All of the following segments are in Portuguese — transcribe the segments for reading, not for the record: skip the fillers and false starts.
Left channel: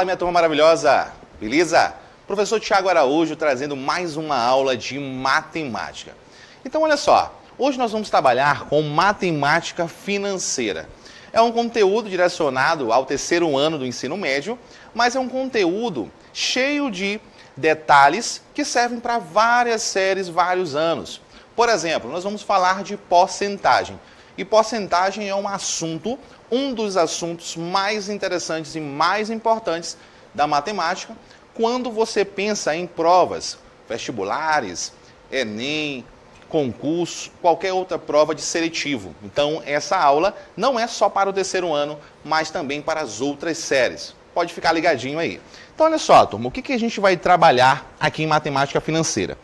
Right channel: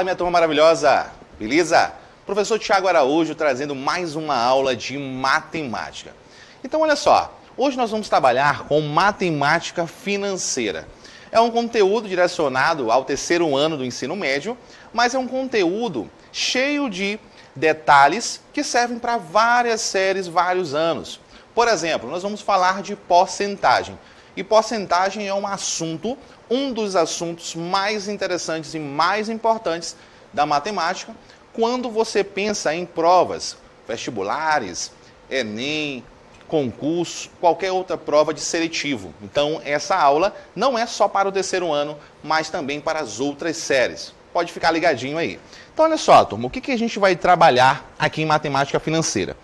Fala, minha turma maravilhosa, beleza? Professor Thiago Araújo trazendo mais uma aula de matemática. Então, olha só, hoje nós vamos trabalhar com matemática financeira. É um conteúdo direcionado ao terceiro ano do ensino médio, mas é um conteúdo cheio de detalhes que servem para várias séries, vários anos. Por exemplo, nós vamos falar de porcentagem. E porcentagem é um dos assuntos mais interessantes e mais importantes da matemática quando você pensa em provas vestibulares, Enem, concurso, qualquer outra prova de seletivo. Então, essa aula não é só para o terceiro ano, mas também para as outras séries. Pode ficar ligadinho aí. Então, olha só, turma, o que a gente vai trabalhar aqui em matemática financeira?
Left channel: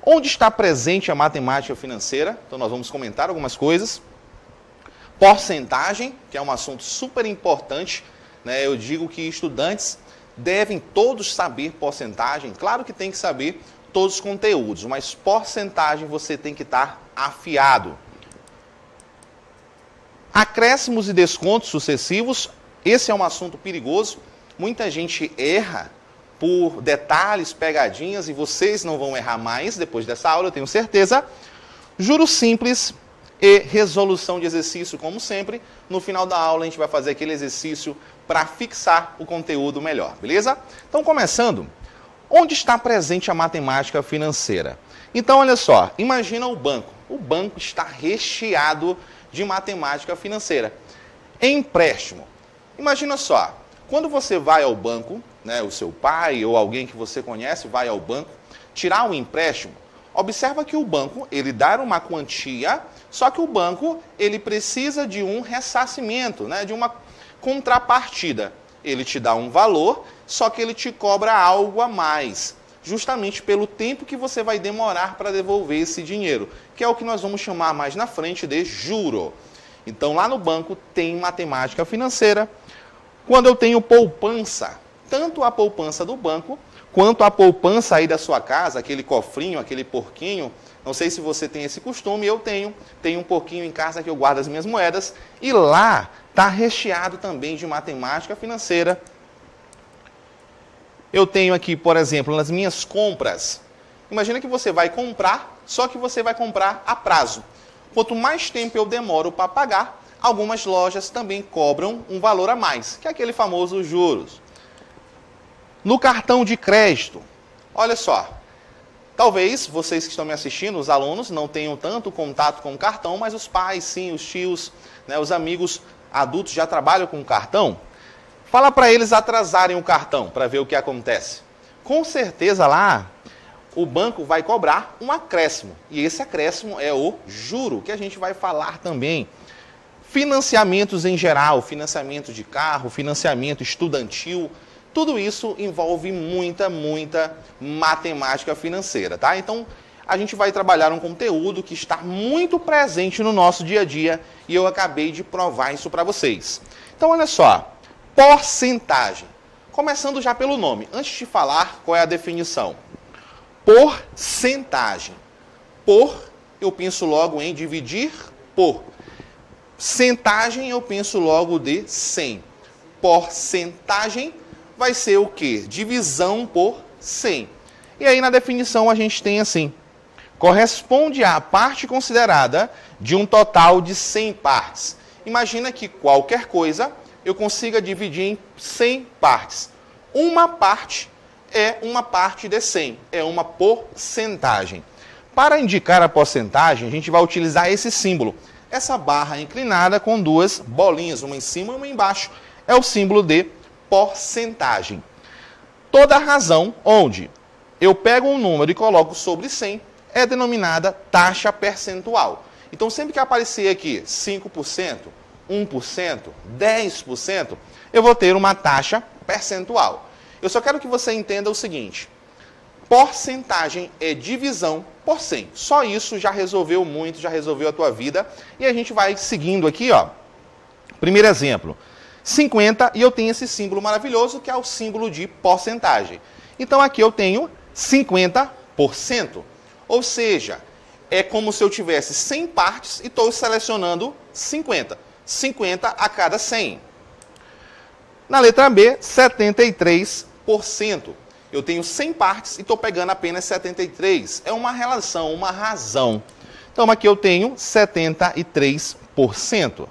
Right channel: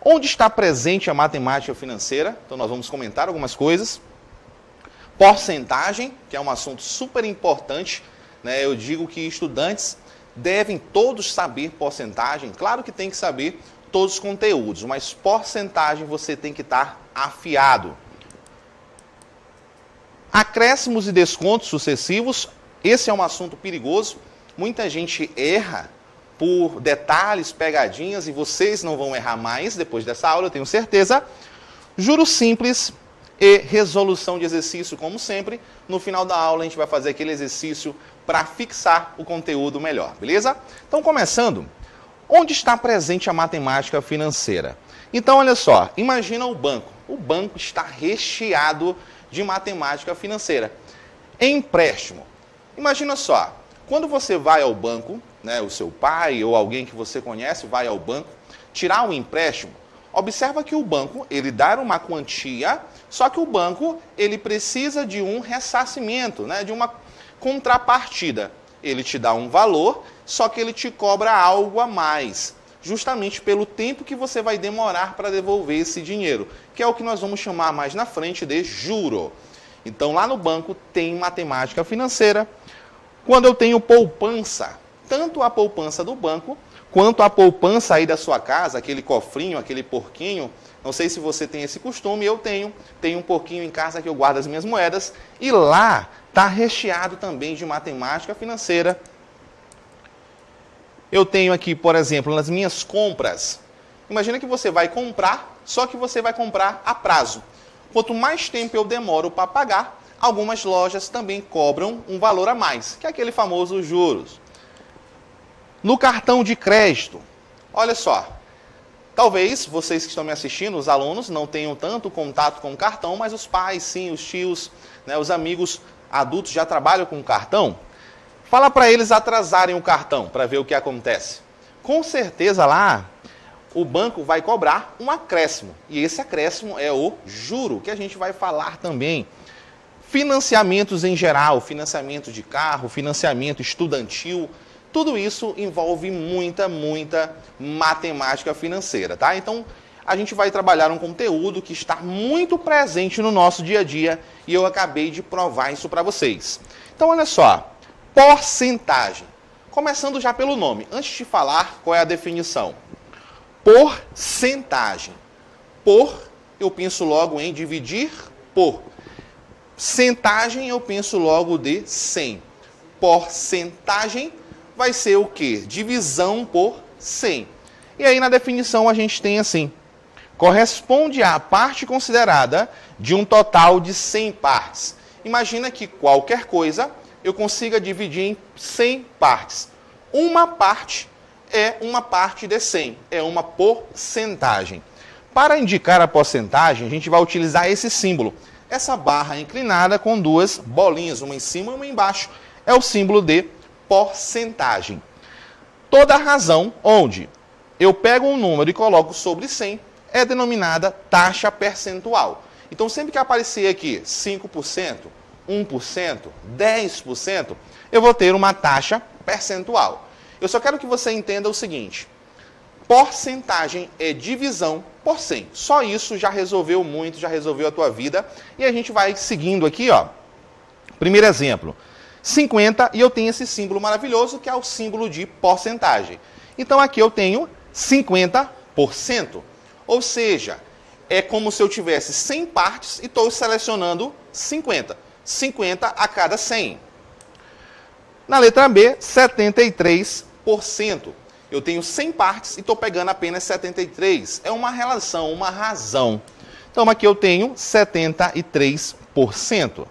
Onde está presente a matemática financeira? Então, nós vamos comentar algumas coisas. Porcentagem, que é um assunto super importante, né? Eu digo que estudantes devem todos saber porcentagem. Claro que tem que saber todos os conteúdos, mas porcentagem você tem que estar afiado. Acréscimos e descontos sucessivos, esse é um assunto perigoso. Muita gente erra por detalhes, pegadinhas, e vocês não vão errar mais depois dessa aula, eu tenho certeza. Juros simples e resolução de exercício, como sempre. No final da aula a gente vai fazer aquele exercício para fixar o conteúdo melhor, beleza? Então, começando, onde está presente a matemática financeira? Então, olha só, imagina o banco. O banco está recheado de matemática financeira. Empréstimo. Imagina só, quando você vai ao banco, né, o seu pai ou alguém que você conhece vai ao banco tirar um empréstimo, observa que o banco, ele dá uma quantia, só que o banco, ele precisa de um ressarcimento, né, de uma contrapartida. Ele te dá um valor, só que ele te cobra algo a mais, justamente pelo tempo que você vai demorar para devolver esse dinheiro, que é o que nós vamos chamar mais na frente de juro. Então, lá no banco tem matemática financeira. Quando eu tenho poupança, tanto a poupança do banco, quanto a poupança aí da sua casa, aquele cofrinho, aquele porquinho, não sei se você tem esse costume, eu tenho um porquinho em casa que eu guardo as minhas moedas, e lá está recheado também de matemática financeira. Eu tenho aqui, por exemplo, nas minhas compras, imagina que você vai comprar, só que você vai comprar a prazo. Quanto mais tempo eu demoro para pagar, algumas lojas também cobram um valor a mais, que é aquele famoso juros. No cartão de crédito, olha só, talvez vocês que estão me assistindo, os alunos, não tenham tanto contato com o cartão, mas os pais, sim, os tios, né, os amigos adultos já trabalham com o cartão. Fala para eles atrasarem o cartão para ver o que acontece. Com certeza lá o banco vai cobrar um acréscimo. E esse acréscimo é o juro, que a gente vai falar também. Financiamentos em geral, financiamento de carro, financiamento estudantil, tudo isso envolve muita matemática financeira, tá? Então, a gente vai trabalhar um conteúdo que está muito presente no nosso dia a dia e eu acabei de provar isso para vocês. Então, olha só, porcentagem. Começando já pelo nome, antes de falar qual é a definição. Porcentagem. Por, eu penso logo em dividir por. Centagem, eu penso logo de 100. Porcentagem vai ser o quê? Divisão por 100. E aí na definição a gente tem assim: corresponde à parte considerada de um total de 100 partes. Imagina que qualquer coisa eu consiga dividir em 100 partes. Uma parte é uma parte de 100, é uma porcentagem. Para indicar a porcentagem, a gente vai utilizar esse símbolo. Essa barra inclinada com duas bolinhas, uma em cima e uma embaixo, é o símbolo de porcentagem. Toda razão onde eu pego um número e coloco sobre 100 é denominada taxa percentual. Então, sempre que aparecer aqui 5%, 1%, 10%, eu vou ter uma taxa percentual. Eu só quero que você entenda o seguinte: porcentagem é divisão por 100. Só isso já resolveu muito, já resolveu a tua vida. E a gente vai seguindo aqui, ó. Primeiro exemplo, 50, e eu tenho esse símbolo maravilhoso que é o símbolo de porcentagem. Então aqui eu tenho 50%. Ou seja, é como se eu tivesse 100 partes e estou selecionando 50. 50 a cada 100. Na letra B, 73%. Eu tenho 100 partes e estou pegando apenas 73. É uma relação, uma razão. Então, aqui eu tenho 73%.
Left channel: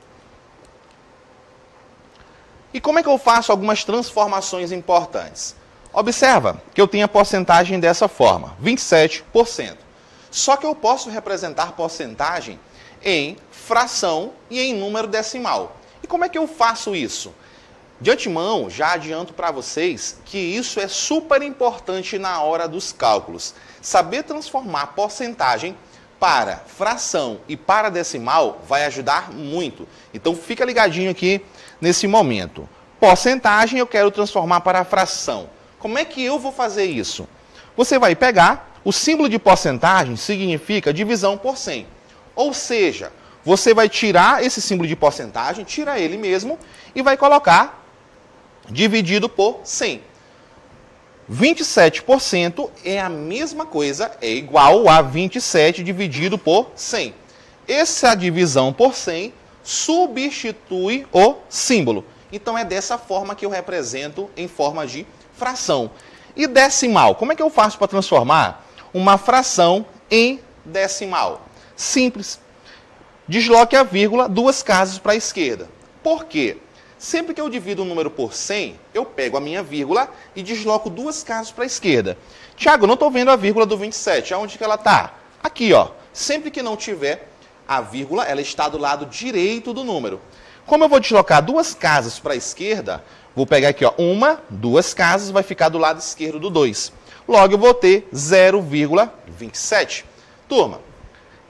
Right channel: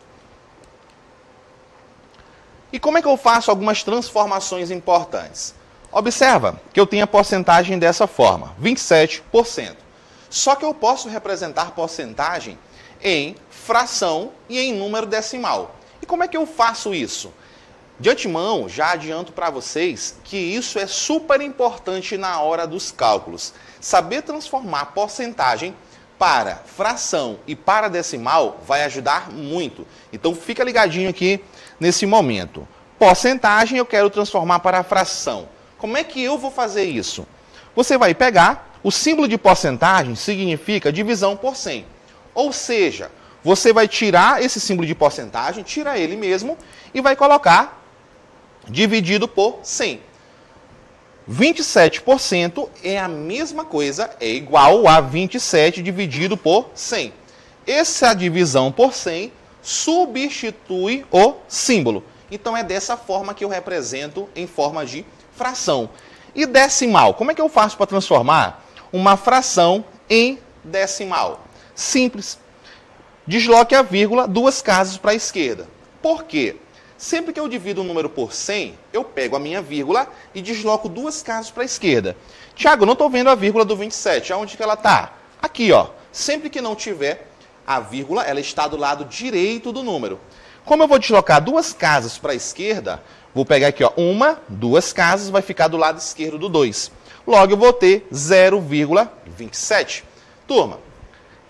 E como é que eu faço algumas transformações importantes? Observa que eu tenho a porcentagem dessa forma, 27%. Só que eu posso representar porcentagem em fração e em número decimal. E como é que eu faço isso? De antemão, já adianto para vocês que isso é super importante na hora dos cálculos. Saber transformar porcentagem para fração e para decimal vai ajudar muito. Então fica ligadinho aqui nesse momento. Porcentagem eu quero transformar para fração. Como é que eu vou fazer isso? Você vai pegar, o símbolo de porcentagem significa divisão por 100. Ou seja, você vai tirar esse símbolo de porcentagem, tira ele mesmo e vai colocar dividido por 100. 27% é a mesma coisa, é igual a 27 dividido por 100. Essa divisão por 100 substitui o símbolo. Então é dessa forma que eu represento em forma de fração. E decimal, como é que eu faço para transformar uma fração em decimal? Simples. Desloque a vírgula 2 casas para a esquerda. Por quê? Sempre que eu divido um número por 100, eu pego a minha vírgula e desloco 2 casas para a esquerda. Tiago, eu não estou vendo a vírgula do 27. Aonde que ela está? Aqui, ó. Sempre que não tiver a vírgula, ela está do lado direito do número. Como eu vou deslocar 2 casas para a esquerda, vou pegar aqui, ó, 2 casas, vai ficar do lado esquerdo do 2. Logo, eu vou ter 0,27. Turma,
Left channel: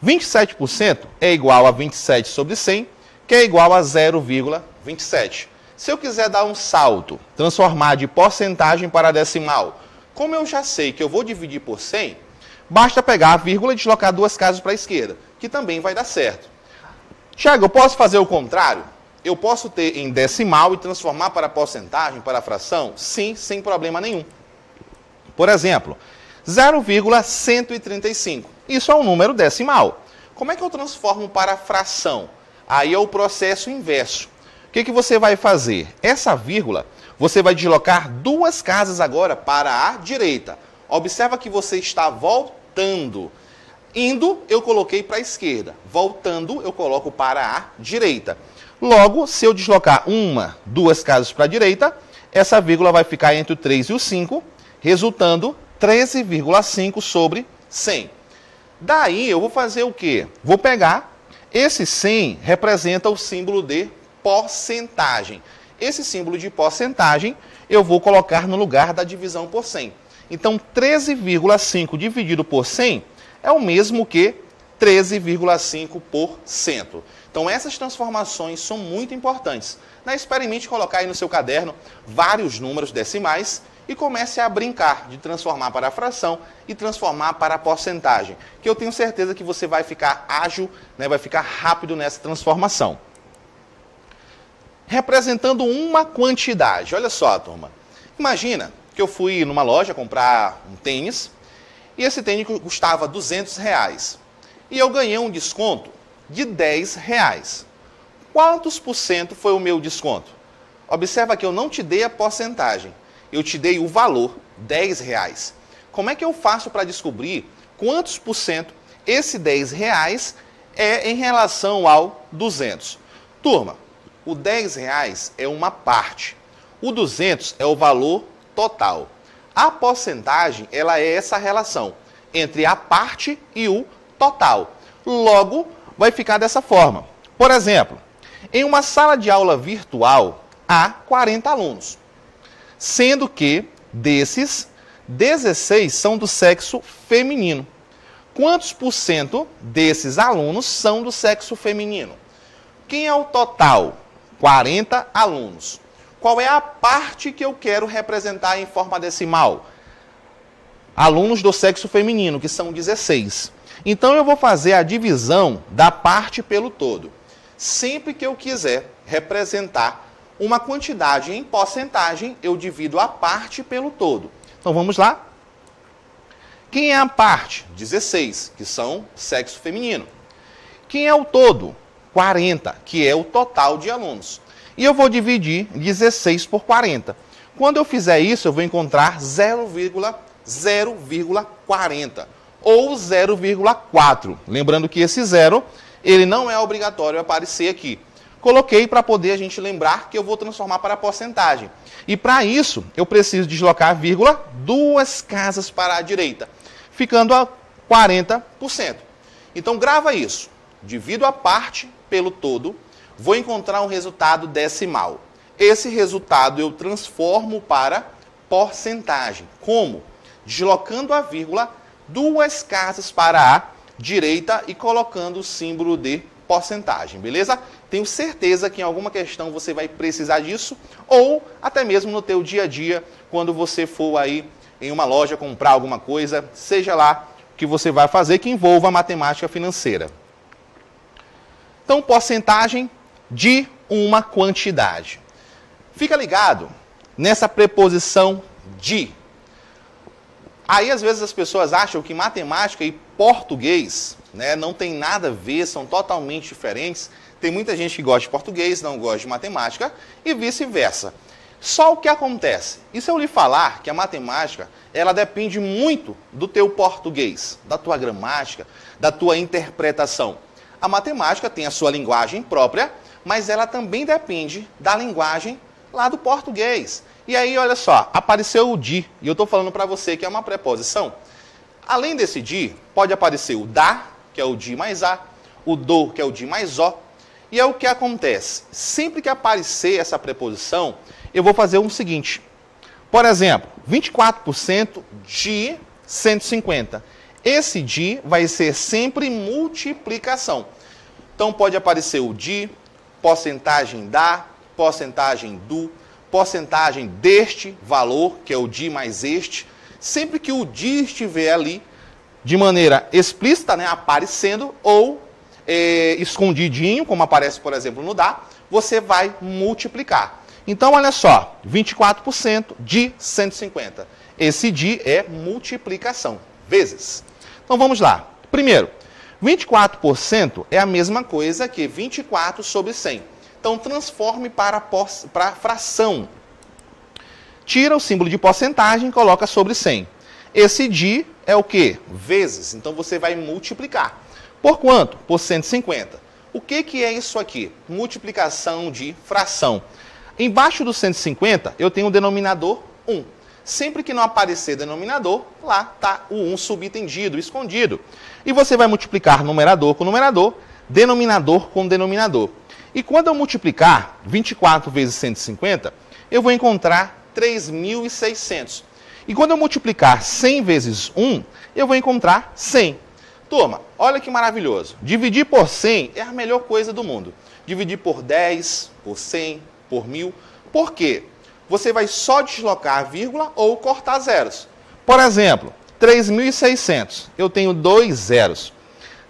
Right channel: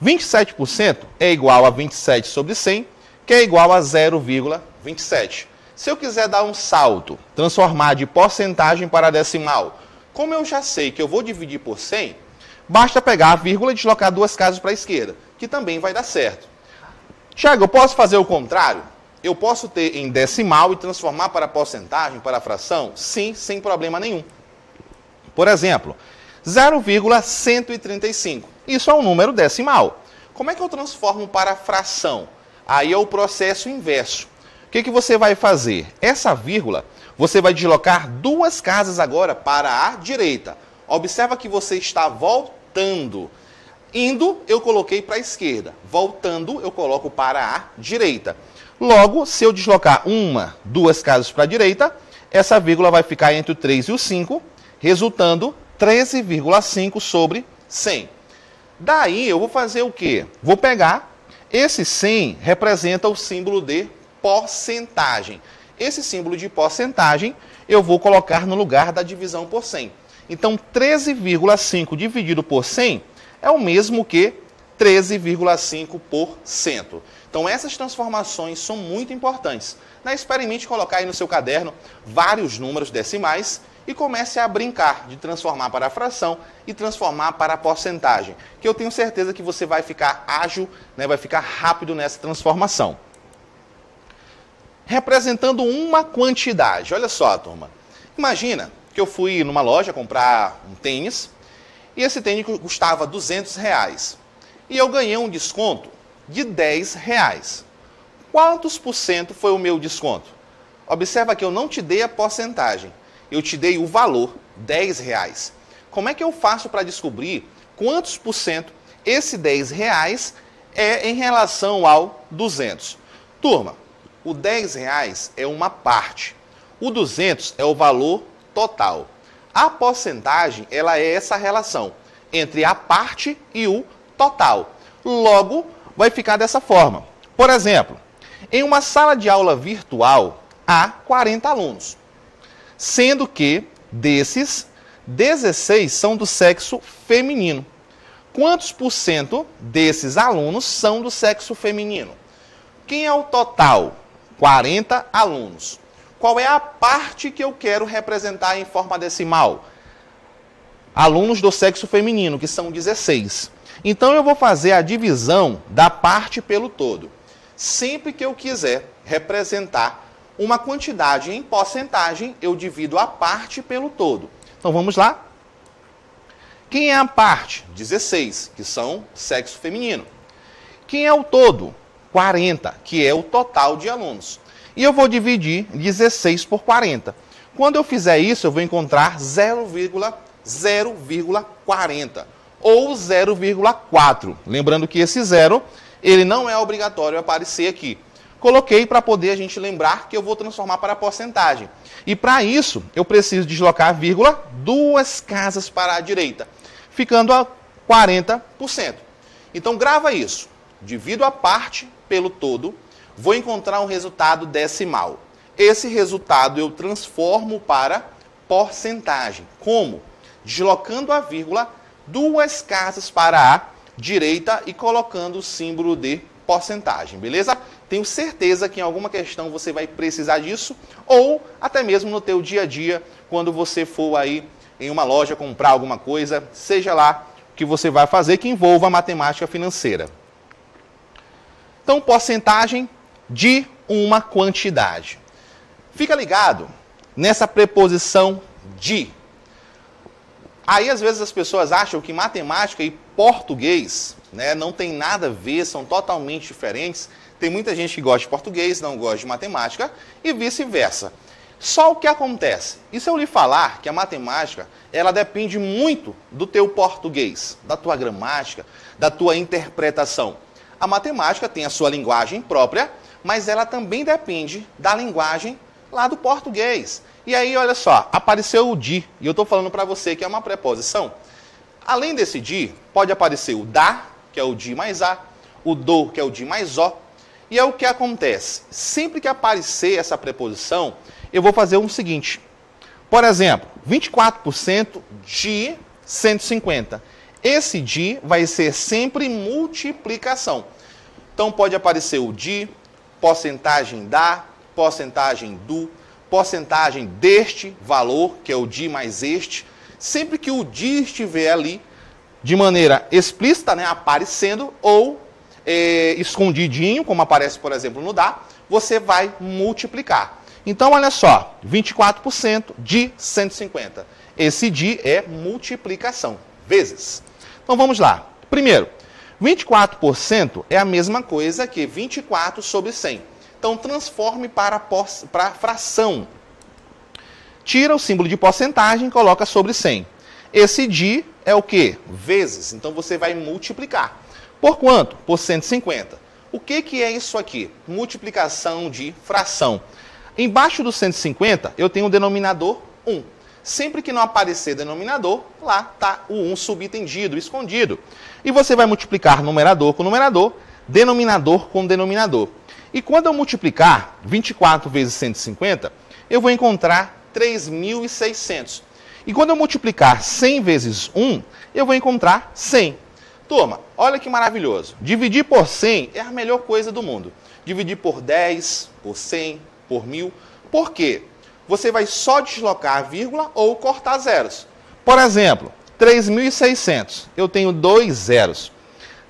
27% é igual a 27 sobre 100, que é igual a 0,27. Se eu quiser dar um salto, transformar de porcentagem para decimal, como eu já sei que eu vou dividir por 100, basta pegar a vírgula e deslocar 2 casas para a esquerda, que também vai dar certo. Tiago, eu posso fazer o contrário? Eu posso ter em decimal e transformar para porcentagem, para fração? Sim, sem problema nenhum. Por exemplo, 0,135. Isso é um número decimal. Como é que eu transformo para fração? Aí é o processo inverso. O que você vai fazer? Essa vírgula, você vai deslocar 2 casas agora para a direita. Observa que você está voltando. Indo, eu coloquei para a esquerda. Voltando, eu coloco para a direita. Logo, se eu deslocar 2 casas para a direita, essa vírgula vai ficar entre o 3 e o 5, resultando 13,5 sobre 100. Daí, eu vou fazer o quê? Vou pegar, esse 100 representa o símbolo de porcentagem. Esse símbolo de porcentagem, eu vou colocar no lugar da divisão por 100. Então, 13,5 dividido por 100 é o mesmo que 13,5%. Então, essas transformações são muito importantes. Experimente colocar aí no seu caderno vários números decimais e comece a brincar de transformar para a fração e transformar para a porcentagem, que eu tenho certeza que você vai ficar ágil, vai ficar rápido nessa transformação. Representando uma quantidade. Olha só, turma. Imagina que eu fui numa loja comprar um tênis e esse tênis custava R$200 e eu ganhei um desconto de R$10. Quantos por cento foi o meu desconto? Observa que eu não te dei a porcentagem, eu te dei o valor, R$10. Como é que eu faço para descobrir quantos por cento esse R$10 é em relação ao 200? Turma, o R$10 é uma parte, o 200 é o valor total. A porcentagem, ela é essa relação entre a parte e o total. Logo, vai ficar dessa forma. Por exemplo, em uma sala de aula virtual, há 40 alunos, sendo que desses, 16 são do sexo feminino. Quantos por cento desses alunos são do sexo feminino? Quem é o total? 40 alunos. Qual é a parte que eu quero representar em forma decimal? Alunos do sexo feminino, que são 16. Então, eu vou fazer a divisão da parte pelo todo. Sempre que eu quiser representar uma quantidade em porcentagem, eu divido a parte pelo todo. Então, vamos lá? Quem é a parte? 16, que são sexo feminino. Quem é o todo? 40, que é o total de alunos. e eu vou dividir 16 por 40. Quando eu fizer isso, eu vou encontrar 0,0,40 ou 0,4. Lembrando que esse zero, ele não é obrigatório aparecer aqui. Coloquei para poder a gente lembrar que eu vou transformar para porcentagem. E para isso, eu preciso deslocar a vírgula 2 casas para a direita, ficando a 40%. Então, grava isso. Divido a parte pelo todo, vou encontrar um resultado decimal. Esse resultado eu transformo para porcentagem. Como? Deslocando a vírgula 2 casas para a direita e colocando o símbolo de porcentagem, beleza? Tenho certeza que em alguma questão você vai precisar disso, ou até mesmo no teu dia a dia, quando você for aí em uma loja comprar alguma coisa, seja lá o que você vai fazer que envolva a matemática financeira. Então, porcentagem de uma quantidade. Fica ligado nessa preposição de. Aí, às vezes, as pessoas acham que matemática e português, né, não tem nada a ver, são totalmente diferentes. Tem muita gente que gosta de português, não gosta de matemática, e vice-versa. Só o que acontece? E se eu lhe falar que a matemática, ela depende muito do teu português, da tua gramática, da tua interpretação. A matemática tem a sua linguagem própria, mas ela também depende da linguagem lá do português. E aí, olha só, apareceu o de, e eu estou falando para você que é uma preposição. Além desse de, pode aparecer o da, que é o de mais a, o do, que é o de mais o. E é o que acontece. Sempre que aparecer essa preposição, eu vou fazer o seguinte. Por exemplo, 24% de 150. Esse de vai ser sempre multiplicação. Então pode aparecer o de, porcentagem da, porcentagem do, porcentagem deste valor, que é o de mais este. Sempre que o de estiver ali, de maneira explícita, né, aparecendo, ou escondidinho, como aparece, por exemplo, no dá, você vai multiplicar. Então, olha só, 24% de 150. Esse de é multiplicação, vezes. Então, vamos lá. Primeiro, 24% é a mesma coisa que 24 sobre 100. Então, transforme para fração. Tira o símbolo de porcentagem e coloca sobre 100. Esse de é o quê? Vezes. Então, você vai multiplicar. Por quanto? Por 150. O que é isso aqui? Multiplicação de fração. Embaixo do 150, eu tenho o denominador 1. Sempre que não aparecer denominador, lá está o 1 subentendido, escondido. E você vai multiplicar numerador com numerador, denominador com denominador. E quando eu multiplicar 24 vezes 150, eu vou encontrar 3.600. E quando eu multiplicar 100 vezes 1, eu vou encontrar 100. Turma, olha que maravilhoso. Dividir por 100 é a melhor coisa do mundo. Dividir por 10, por 100, por 1000. Por quê? Você vai só deslocar a vírgula ou cortar zeros. Por exemplo, 3.600, eu tenho 2 zeros.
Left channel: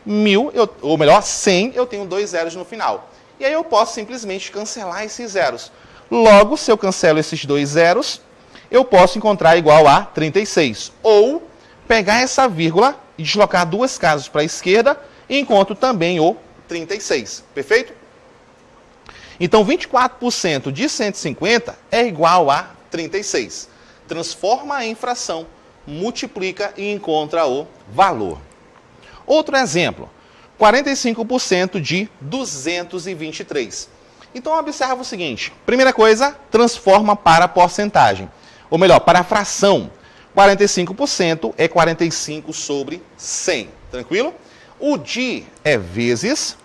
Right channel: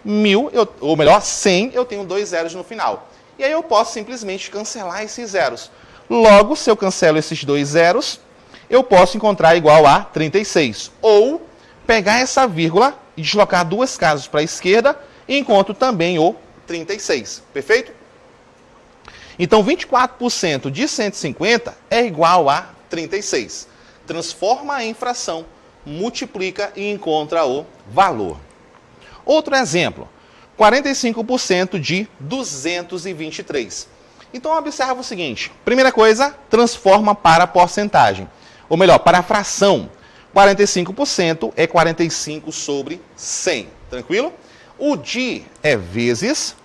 1.000, ou melhor, 100, eu tenho 2 zeros no final. E aí eu posso simplesmente cancelar esses zeros. Logo, se eu cancelo esses 2 zeros, eu posso encontrar igual a 36. Ou pegar essa vírgula e deslocar 2 casas para a esquerda e encontro também o 36. Perfeito? Então, 24% de 150 é igual a 36. Transforma em fração, multiplica e encontra o valor. Outro exemplo, 45% de 223. Então, observa o seguinte. Primeira coisa, transforma para porcentagem. Ou melhor, para a fração. 45% é 45 sobre 100. Tranquilo? O de é vezes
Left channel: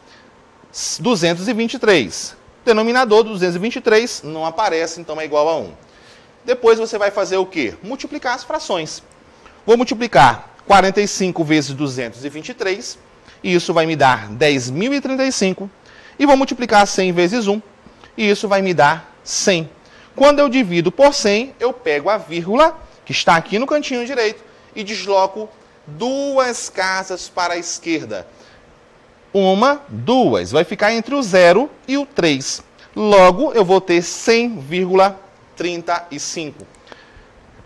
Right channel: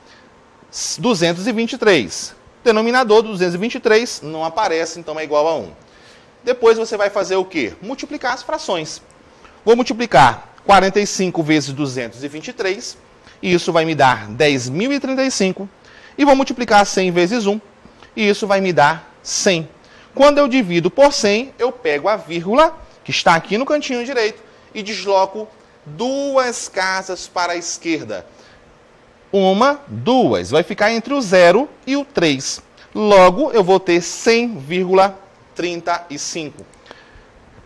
223. Denominador 223 não aparece, então é igual a 1. Depois você vai fazer o quê? Multiplicar as frações. Vou multiplicar 45 vezes 223, e isso vai me dar 10.035. E vou multiplicar 100 vezes 1, e isso vai me dar 100. Quando eu divido por 100, eu pego a vírgula, que está aqui no cantinho direito, e desloco 2 casas para a esquerda. 1, 2. Vai ficar entre o 0 e o 3. Logo, eu vou ter 100,35.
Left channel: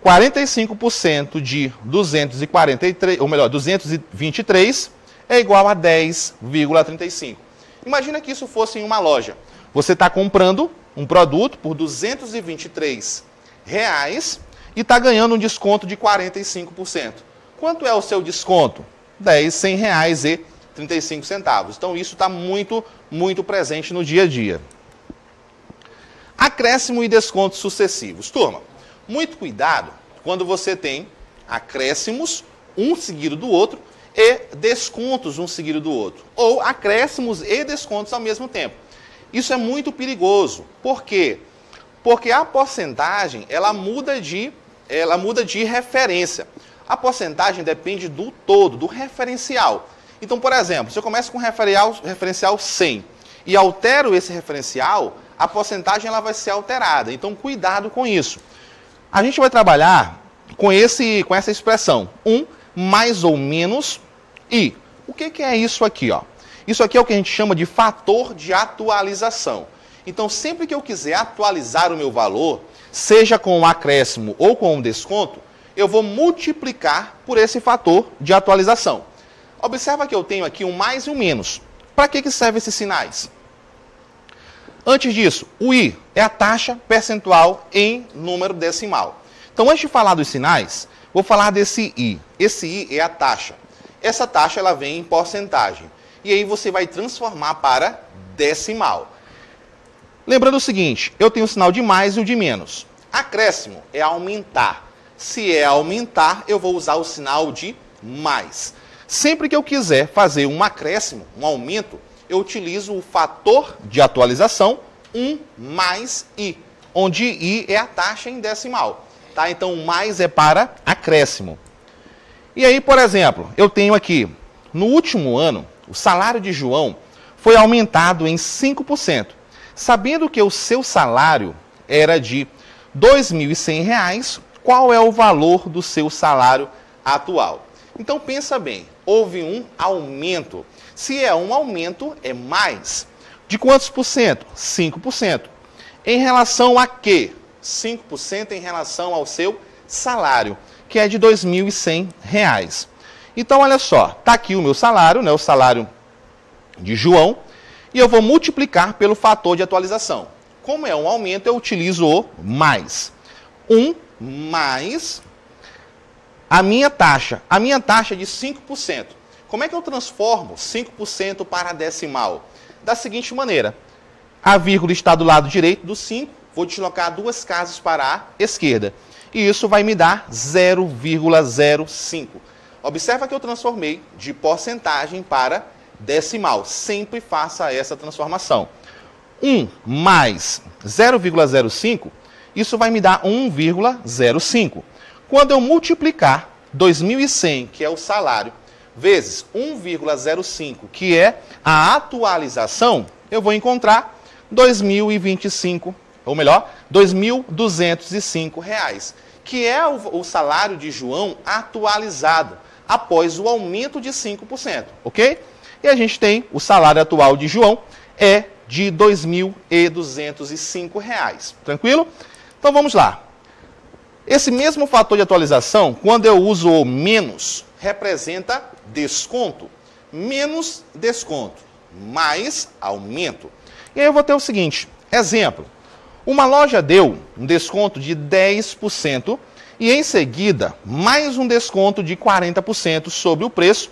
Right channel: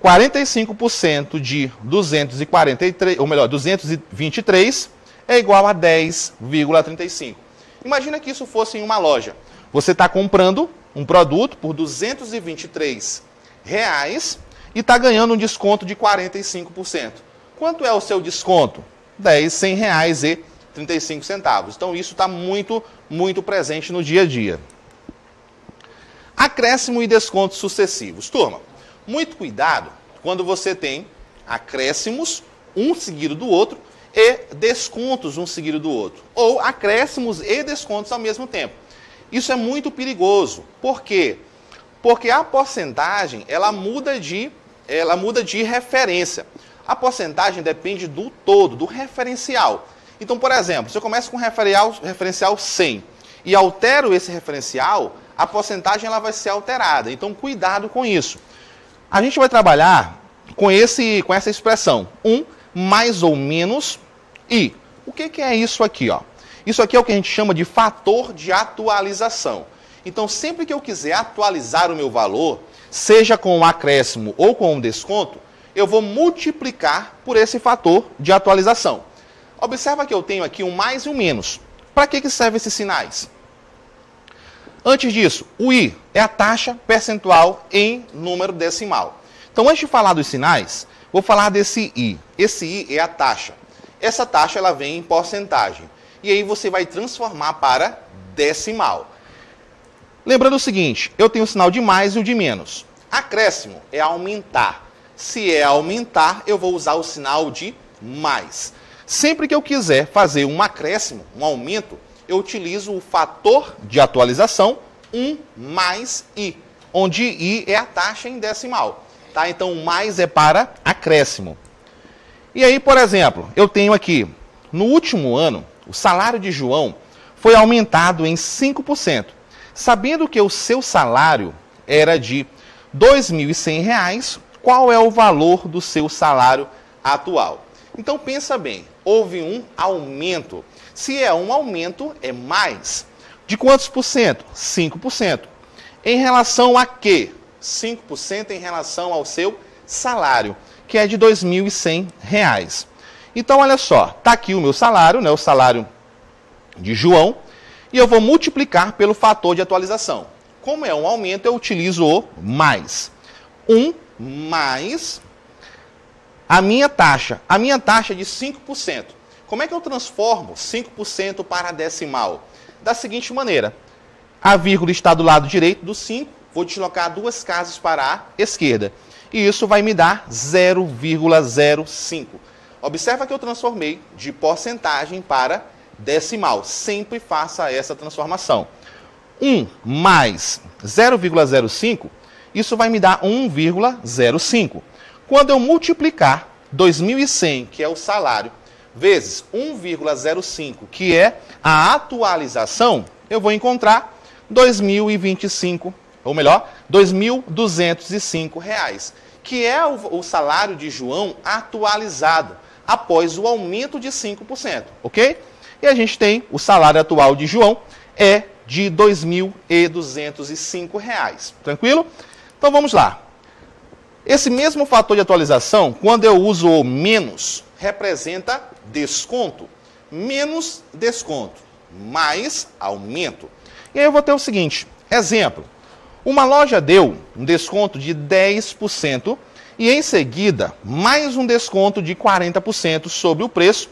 45% de 243, ou melhor, 223 é igual a 10,35. Imagina que isso fosse em uma loja. Você está comprando um produto por R$ 223 e está ganhando um desconto de 45%. Quanto é o seu desconto? R$ 100,35. Então, isso está muito, muito presente no dia a dia. Acréscimo e descontos sucessivos. Turma, muito cuidado quando você tem acréscimos, um seguido do outro, e descontos, um seguido do outro. Ou acréscimos e descontos ao mesmo tempo. Isso é muito perigoso. Por quê? Porque a porcentagem, ela muda de referência. A porcentagem depende do todo, do referencial. Então, por exemplo, se eu começo com referencial 100 e altero esse referencial, a porcentagem ela vai ser alterada. Então, cuidado com isso. A gente vai trabalhar com essa expressão, mais ou menos i. O que é isso aqui? Ó? Isso aqui é o que a gente chama de fator de atualização. Então, sempre que eu quiser atualizar o meu valor, seja com um acréscimo ou com um desconto, eu vou multiplicar por esse fator de atualização. Observa que eu tenho aqui um mais e um menos. Para que servem esses sinais? Antes disso, o i é a taxa percentual em número decimal. Então, antes de falar dos sinais, vou falar desse i. Esse i é a taxa. Essa taxa ela vem em porcentagem. E aí você vai transformar para decimal. Lembrando o seguinte, eu tenho o sinal de mais e o de menos. Acréscimo é aumentar. Se é aumentar, eu vou usar o sinal de mais. Sempre que eu quiser fazer um acréscimo, um aumento, eu utilizo o fator de atualização 1 mais i, onde i é a taxa em decimal. Tá? Então, mais é para acréscimo. E aí, por exemplo, eu tenho aqui, no último ano, o salário de João foi aumentado em 5%. Sabendo que o seu salário era de R$ 2.100, qual é o valor do seu salário atual? Então, pensa bem, houve um aumento. Se é um aumento, é mais. De quantos por cento? 5%. Em relação a quê? 5% em relação ao seu salário, que é de R$ 2.100. Então, olha só, está aqui o meu salário, né, o salário de João, e eu vou multiplicar pelo fator de atualização. Como é um aumento, eu utilizo o mais. 1 mais a minha taxa. A minha taxa é de 5%. Como é que eu transformo 5% para decimal? Da seguinte maneira. A vírgula está do lado direito do 5. Vou deslocar 2 casas para a esquerda. E isso vai me dar 0,05. Observa que eu transformei de porcentagem para decimal. Sempre faça essa transformação. 1 mais 0,05, isso vai me dar 1,05. Quando eu multiplicar 2.100, que é o salário, vezes 1,05, que é a atualização, eu vou encontrar 2.025, ou melhor, R$ 2.205, que é o salário de João atualizado, após o aumento de 5%, ok? E a gente tem o salário atual de João é de R$ 2.205, tranquilo? Então vamos lá. Esse mesmo fator de atualização, quando eu uso o menos, representa desconto. Menos desconto, mais aumento. E aí eu vou ter o seguinte, exemplo. Uma loja deu um desconto de 10% e em seguida mais um desconto de 40% sobre o preço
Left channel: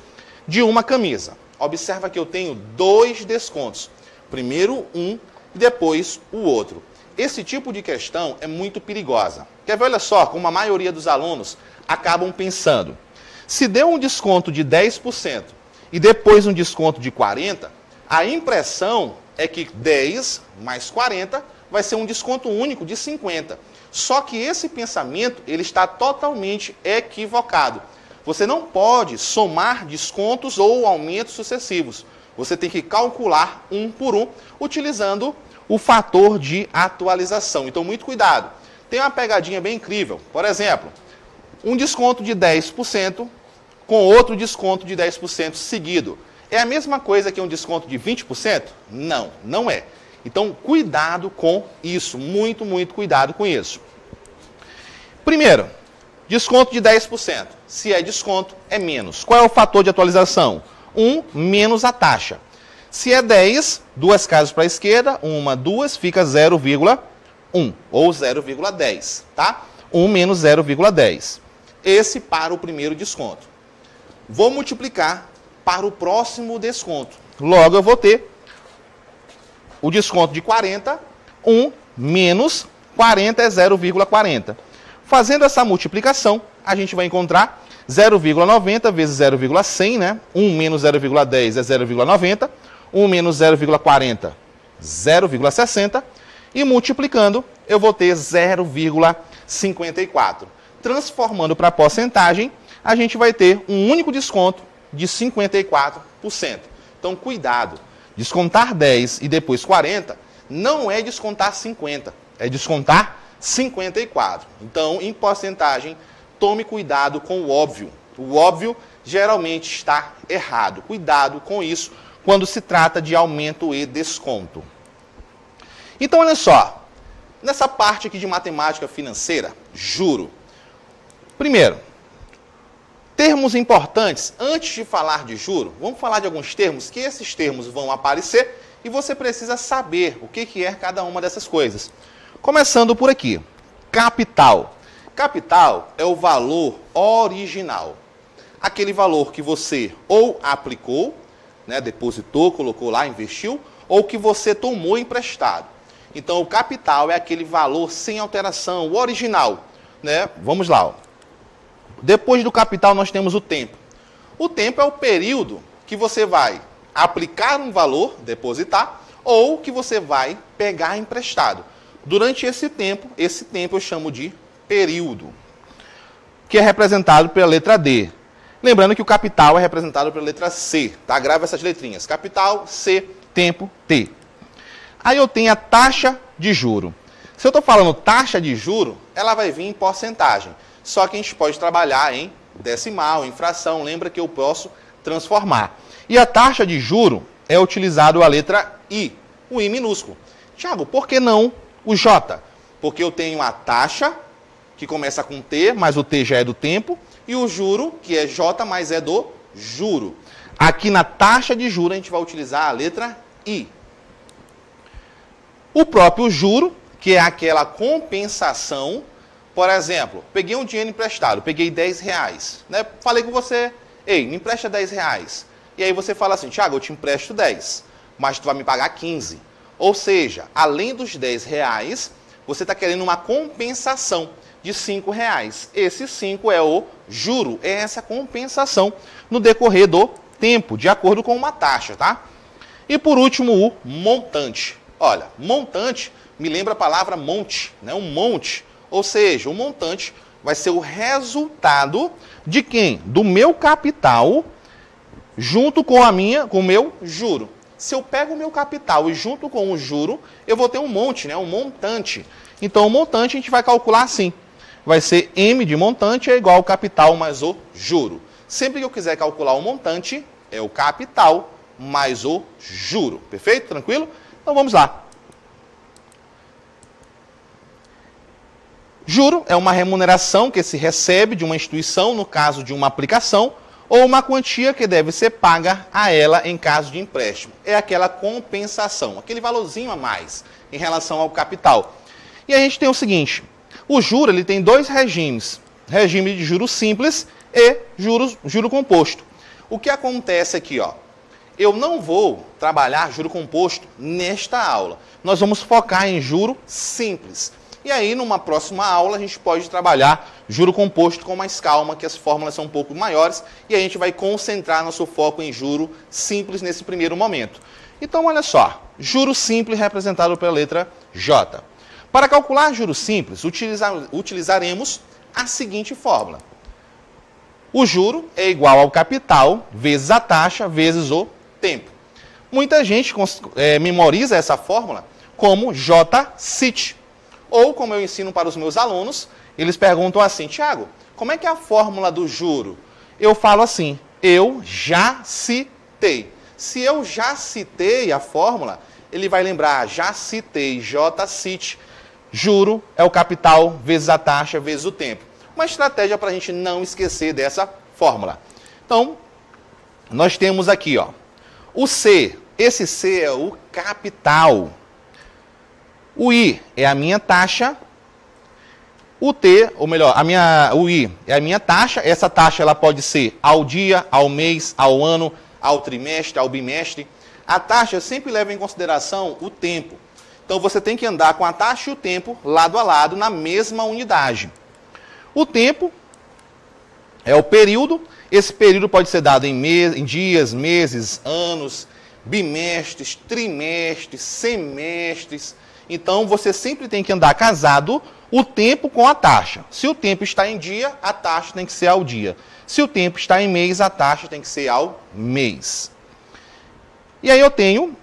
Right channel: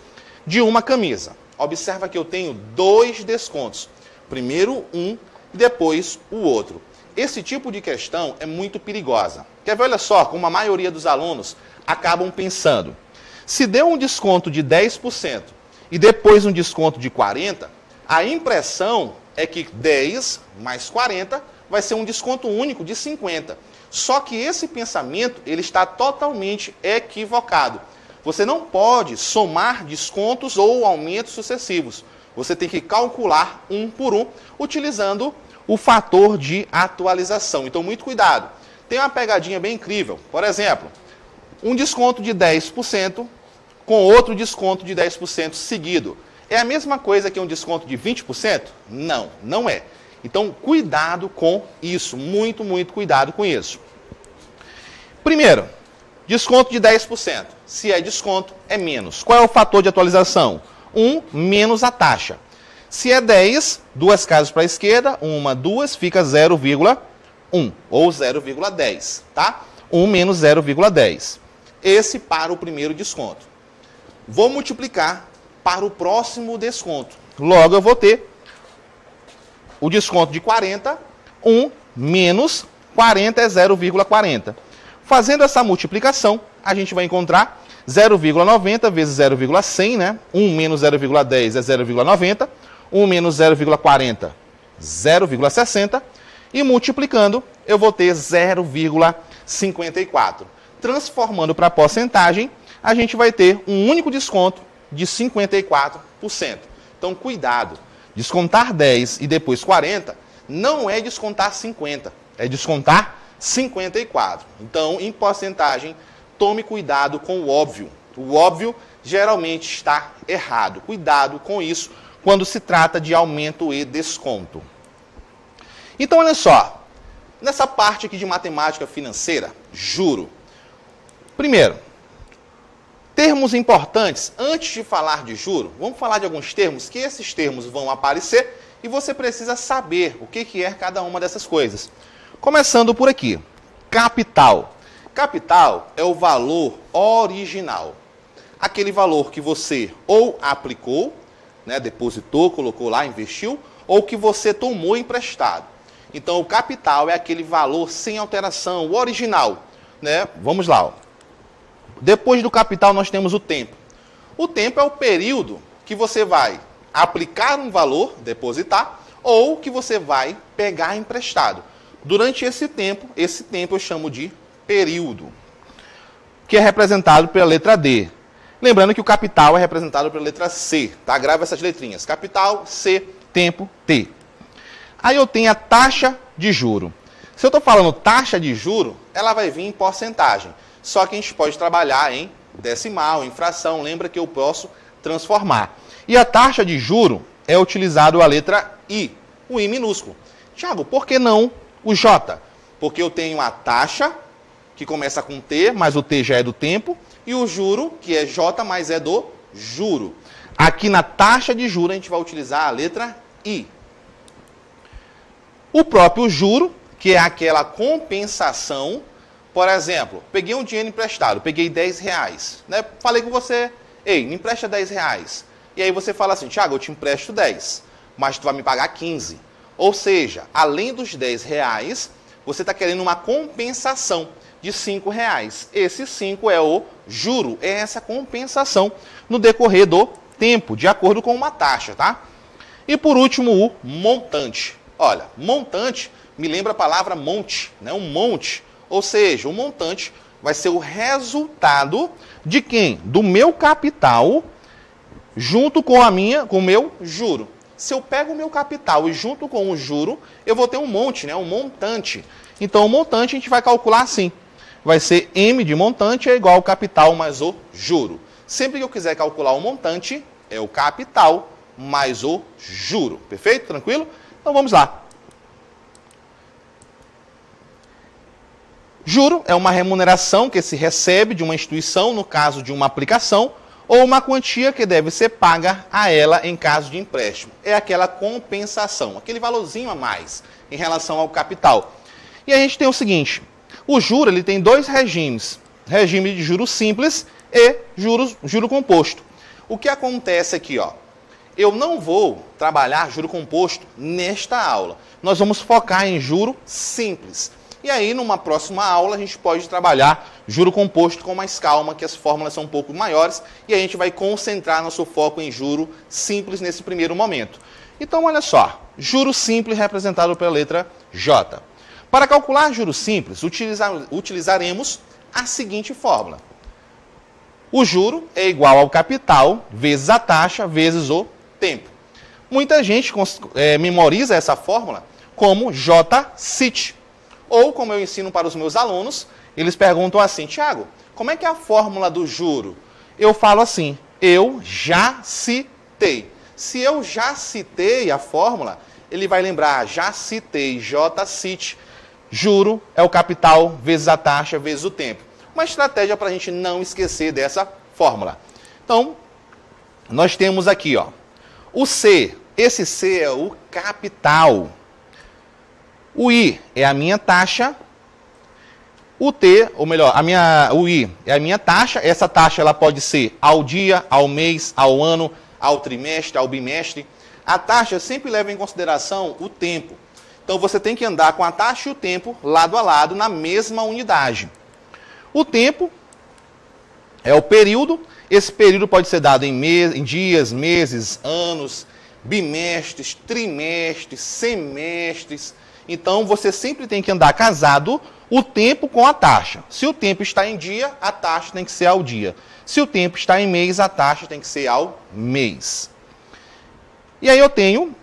de uma camisa. Observa que eu tenho 2 descontos. Primeiro um e depois o outro. Esse tipo de questão é muito perigosa. Quer ver, olha só, como a maioria dos alunos acabam pensando. Se deu um desconto de 10% e depois um desconto de 40%, a impressão é que 10 mais 40 vai ser um desconto único de 50. Só que esse pensamento ele está totalmente equivocado. Você não pode somar descontos ou aumentos sucessivos. Você tem que calcular um por um, utilizando o fator de atualização. Então, muito cuidado. Tem uma pegadinha bem incrível. Por exemplo, um desconto de 10% com outro desconto de 10% seguido. É a mesma coisa que um desconto de 20%? Não, não é. Então, cuidado com isso. Muito, muito cuidado com isso. Primeiro, desconto de 10%. Se é desconto, é menos. Qual é o fator de atualização? 1 menos a taxa. Se é 10, duas casas para a esquerda, 1, 2, fica 0,1 ou 0,10, tá? 1 menos 0,10. Esse para o primeiro desconto. Vou multiplicar para o próximo desconto. Logo eu vou ter o desconto de 40, 1 menos 40 é 0,40. Fazendo essa multiplicação, a gente vai encontrar 0,90 vezes 0,100, né? 1 menos 0,10 é 0,90. 1 menos 0,40, 0,60. E multiplicando, eu vou ter 0,54. Transformando para porcentagem, a gente vai ter um único desconto de 54%. Então, cuidado. Descontar 10 e depois 40 não é descontar 50, é descontar 54. Então, em porcentagem, tome cuidado com o óbvio. O óbvio geralmente está errado. Cuidado com isso quando se trata de aumento e desconto. Então, olha só. Nessa parte aqui de matemática financeira, juro. Primeiro, termos importantes. Antes de falar de juro, vamos falar de alguns termos, que esses termos vão aparecer e você precisa saber o que é cada uma dessas coisas. Começando por aqui. Capital. Capital é o valor original. Aquele valor que você ou aplicou, né, depositou, colocou lá, investiu, ou que você tomou emprestado. Então, o capital é aquele valor sem alteração, o original. Né? Vamos lá. Ó. Depois do capital, nós temos o tempo. O tempo é o período que você vai aplicar um valor, depositar, ou que você vai pegar emprestado. Durante esse tempo eu chamo de período, que é representado pela letra D. Lembrando que o capital é representado pela letra C, tá? Grava essas letrinhas. Capital, C, tempo, T. Aí eu tenho a taxa de juro. Se eu estou falando taxa de juro, ela vai vir em porcentagem. Só que a gente pode trabalhar em decimal, em fração. Lembra que eu posso transformar. E a taxa de juro é utilizado a letra I, o I minúsculo. Thiago, por que não o J? Porque eu tenho a taxa, que começa com T, mas o T já é do tempo, e o juro, que é J, mas é do juro. Aqui na taxa de juro a gente vai utilizar a letra I. O próprio juro, que é aquela compensação. Por exemplo, peguei um dinheiro emprestado, peguei 10 reais. Né? Falei com você, ei, me empresta 10 reais. E aí você fala assim, Thiago, eu te empresto 10, mas tu vai me pagar 15. Ou seja, além dos 10 reais, você está querendo uma compensação de 5 reais. Esse 5 é o juro, é essa compensação no decorrer do tempo, de acordo com uma taxa, tá? E por último, o montante. Olha, montante me lembra a palavra monte, né? Um monte. Ou seja, o montante vai ser o resultado de quem? Do meu capital junto com o meu juro. Se eu pego o meu capital e junto com o juro, eu vou ter um monte, né? Um montante. Então, o montante a gente vai calcular assim. Vai ser M de montante é igual ao capital mais o juro. Sempre que eu quiser calcular o montante, é o capital mais o juro. Perfeito? Tranquilo? Então, vamos lá. Juro é uma remuneração que se recebe de uma instituição, no caso de uma aplicação, ou uma quantia que deve ser paga a ela em caso de empréstimo. É aquela compensação, aquele valorzinho a mais em relação ao capital. E a gente tem o seguinte, o juro ele tem dois regimes, regime de juro simples e juro composto. O que acontece aqui, ó? Eu não vou trabalhar juro composto nesta aula. Nós vamos focar em juro simples. E aí, numa próxima aula, a gente pode trabalhar juro composto com mais calma, que as fórmulas são um pouco maiores, e a gente vai concentrar nosso foco em juro simples nesse primeiro momento. Então, olha só, juro simples representado pela letra J. Para calcular juro simples, utilizaremos a seguinte fórmula. O juro é igual ao capital vezes a taxa vezes o tempo. Muita gente memoriza essa fórmula como J-CIT. Ou, como eu ensino para os meus alunos, eles perguntam assim, Thiago, como é que é a fórmula do juro? Eu falo assim, eu já citei. Se eu já citei a fórmula, ele vai lembrar, já citei, J-CIT, juro é o capital vezes a taxa vezes o tempo. Uma estratégia para a gente não esquecer dessa fórmula. Então, nós temos aqui, ó, o C Esse C é o capital. O I é a minha taxa. O T, ou melhor, o I é a minha taxa. Essa taxa ela pode ser ao dia, ao mês, ao ano, ao trimestre, ao bimestre. A taxa sempre leva em consideração o tempo. Então você tem que andar com a taxa e o tempo lado a lado na mesma unidade. O tempo é o período. Esse período pode ser dado em dias, meses, anos, bimestres, trimestres, semestres. Então você sempre tem que andar casado o tempo com a taxa. Se o tempo está em dia, a taxa tem que ser ao dia. Se o tempo está em mês, a taxa tem que ser ao mês. E aí eu tenho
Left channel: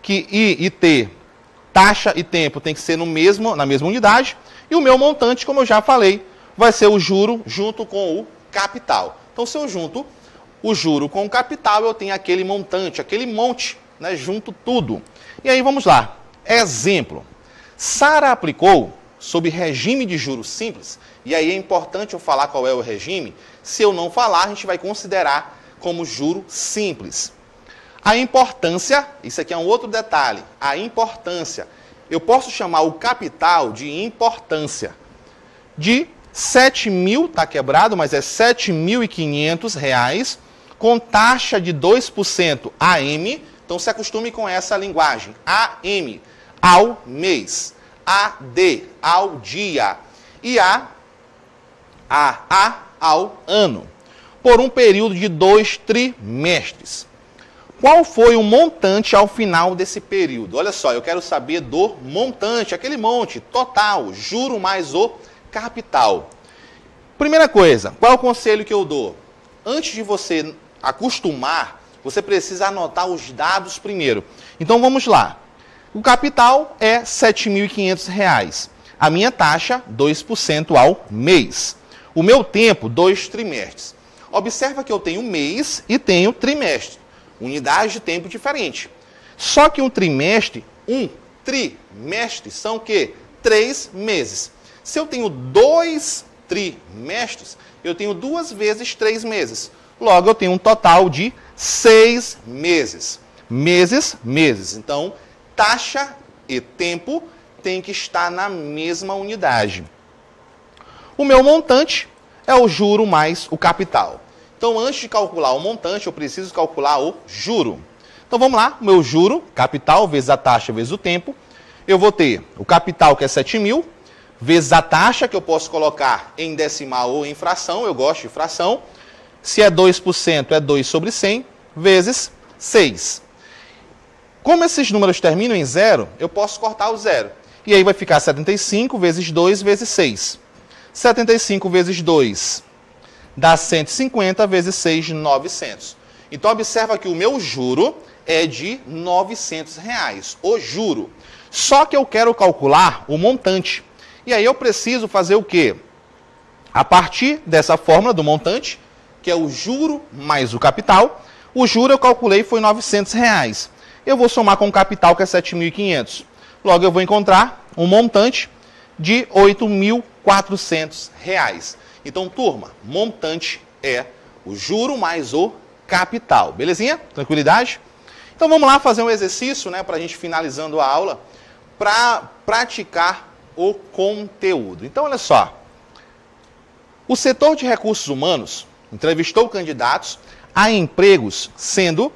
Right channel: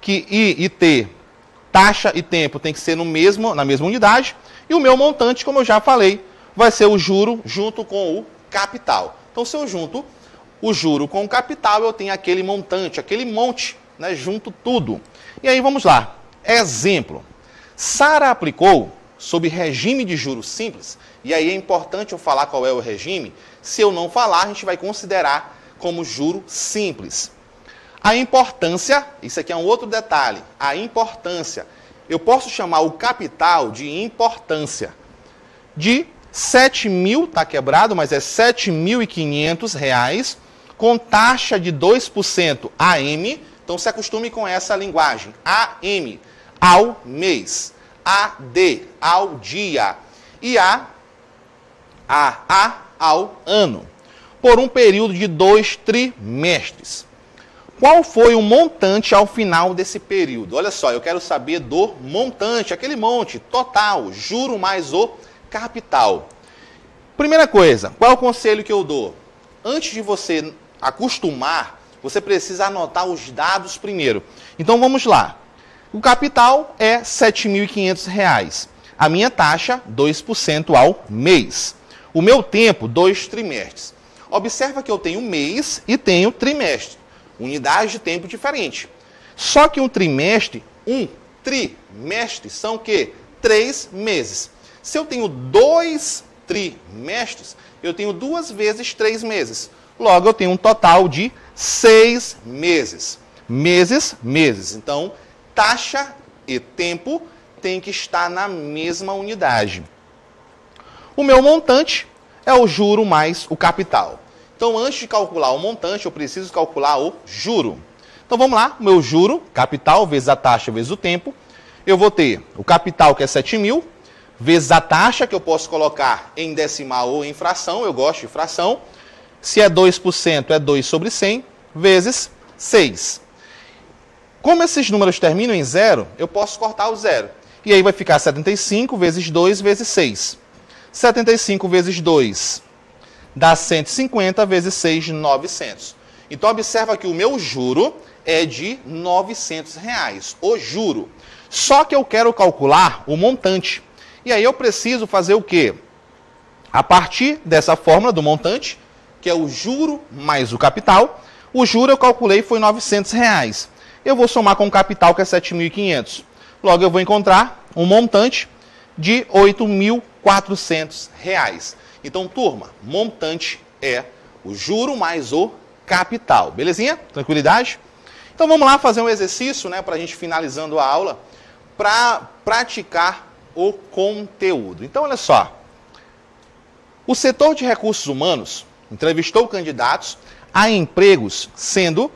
que I e T, taxa e tempo, tem que ser na mesma unidade. E o meu montante, como eu já falei, vai ser o juro junto com o capital. Então, se eu junto o juro com o capital, eu tenho aquele montante, aquele monte, né, junto tudo. E aí vamos lá. Exemplo. Sara aplicou sob regime de juros simples. E aí é importante eu falar qual é o regime. Se eu não falar, a gente vai considerar como juro simples. A importância, isso aqui é um outro detalhe. A importância, eu posso chamar o capital de importância. De 7.000, está quebrado, mas é R$ 7.500, com taxa de 2% AM. Então se acostume com essa linguagem. AM, ao mês. AD, ao dia. E A ao ano. Por um período de 2 trimestres. Qual foi o montante ao final desse período? Olha só, eu quero saber do montante, aquele monte total, juro mais o capital. Primeira coisa, qual é o conselho que eu dou? Antes de você acostumar, você precisa anotar os dados primeiro. Então vamos lá. O capital é R$ 7.500. A minha taxa, 2% ao mês. O meu tempo, 2 trimestres. Observa que eu tenho mês e tenho trimestre. Unidade de tempo diferente. Só que um trimestre são o quê? 3 meses. Se eu tenho 2 trimestres, eu tenho 2 vezes 3 meses. Logo, eu tenho um total de 6 meses. Meses. Então, taxa e tempo tem que estar na mesma unidade. O meu montante é o juro mais o capital. Então, antes de calcular o montante, eu preciso calcular o juro. Então, vamos lá. O meu juro, capital, vezes a taxa, vezes o tempo. Eu vou ter o capital, que é 7.000, vezes a taxa, que eu posso colocar em decimal ou em fração. Eu gosto de fração. Se é 2%, é 2 sobre 100, vezes 6. Como esses números terminam em zero, eu posso cortar o zero. E aí vai ficar 75 vezes 2 vezes 6. 75 vezes 2 dá 150 vezes 6, 900. Então, observa que o meu juro é de R$ 900. O juro. Só que eu quero calcular o montante. E aí eu preciso fazer o quê? A partir dessa fórmula do montante, que é o juro mais o capital, o juro eu calculei foi R$ 900. Eu vou somar com o capital, que é 7.500. Logo, eu vou encontrar um montante de R$ 8.400. Então, turma, montante é o juro mais o capital. Belezinha? Tranquilidade? Então, vamos lá fazer um exercício, né, para a gente finalizando a aula, para praticar o conteúdo. Então, olha só. O setor de recursos humanos entrevistou candidatos a empregos, sendo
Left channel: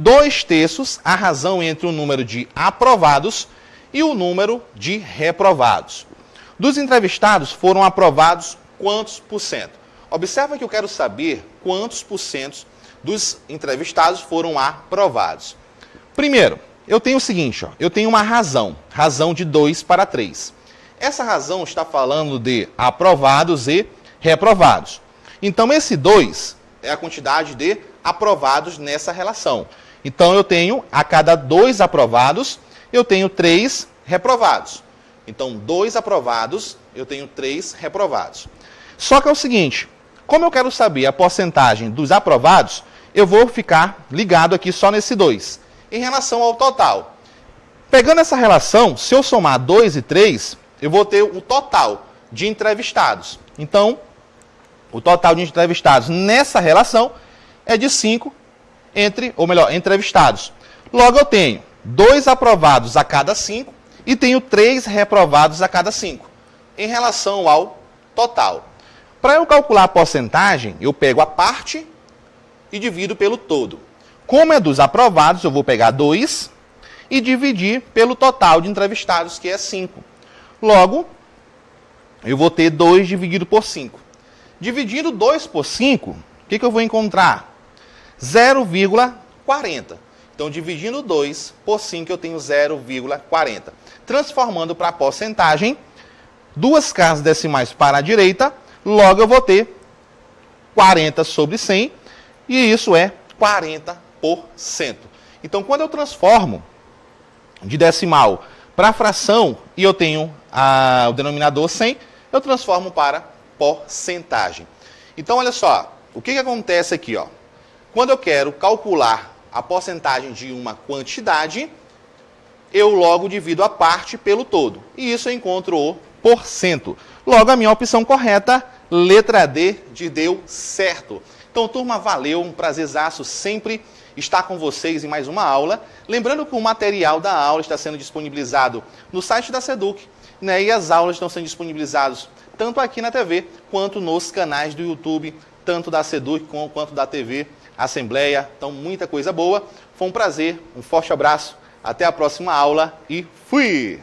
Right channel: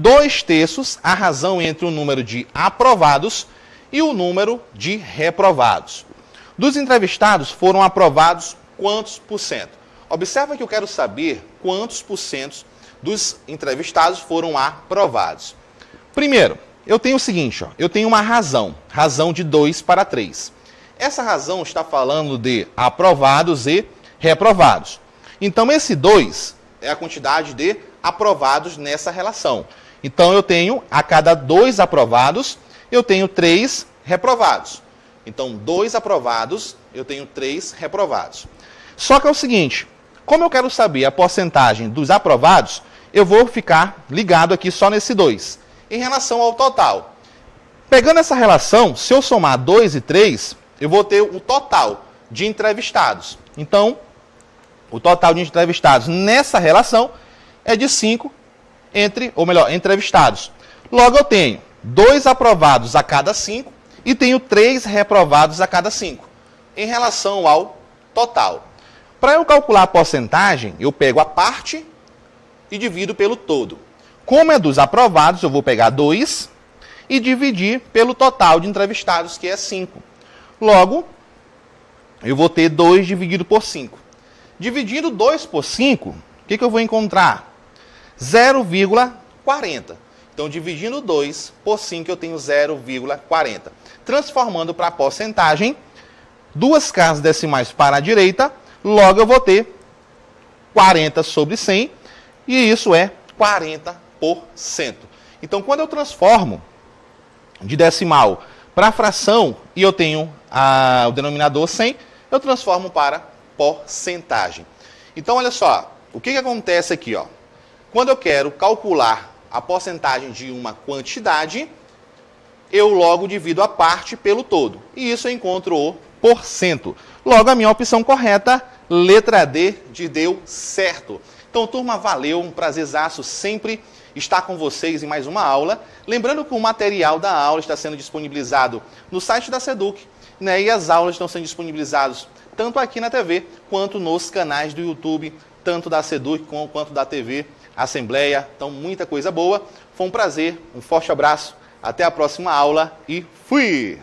2/3 a razão entre o número de aprovados e o número de reprovados. Dos entrevistados foram aprovados quantos por cento? Observa que eu quero saber quantos por cento dos entrevistados foram aprovados. Primeiro, eu tenho o seguinte, ó, eu tenho uma razão de 2 para 3. Essa razão está falando de aprovados e reprovados. Então, esse 2 é a quantidade de aprovados nessa relação. Então, eu tenho, a cada 2 aprovados, eu tenho 3 reprovados. Então, 2 aprovados, eu tenho 3 reprovados. Só que é o seguinte, como eu quero saber a porcentagem dos aprovados, eu vou ficar ligado aqui só nesse 2. Em relação ao total. Pegando essa relação, se eu somar 2 e 3, eu vou ter o total de entrevistados. Então, o total de entrevistados nessa relação é de 5 entrevistados. Logo, eu tenho 2 aprovados a cada 5 e tenho 3 reprovados a cada 5, em relação ao total. Para eu calcular a porcentagem, eu pego a parte e divido pelo todo. Como é dos aprovados, eu vou pegar 2 e dividir pelo total de entrevistados, que é 5. Logo, eu vou ter 2 dividido por 5. Dividindo 2 por 5, o que eu vou encontrar? 0,40. Então, dividindo 2 por 5, eu tenho 0,40. Transformando para a porcentagem, 2 casas decimais para a direita, logo eu vou ter 40 sobre 100, e isso é 40%. Então, quando eu transformo de decimal para fração, e eu tenho o denominador 100, eu transformo para porcentagem. Então, olha só, o que acontece aqui, ó? Quando eu quero calcular a porcentagem de uma quantidade, eu logo divido a parte pelo todo. E isso eu encontro o porcento. Logo, a minha opção correta, letra D, de deu certo. Então, turma, valeu, um prazerzaço sempre estar com vocês em mais uma aula. Lembrando que o material da aula está sendo disponibilizado no site da Seduc, né? E as aulas estão sendo disponibilizadas tanto aqui na TV, quanto nos canais do YouTube, tanto da Seduc quanto da TV Assembleia. Então, muita coisa boa. Foi um prazer, um forte abraço, até a próxima aula e fui!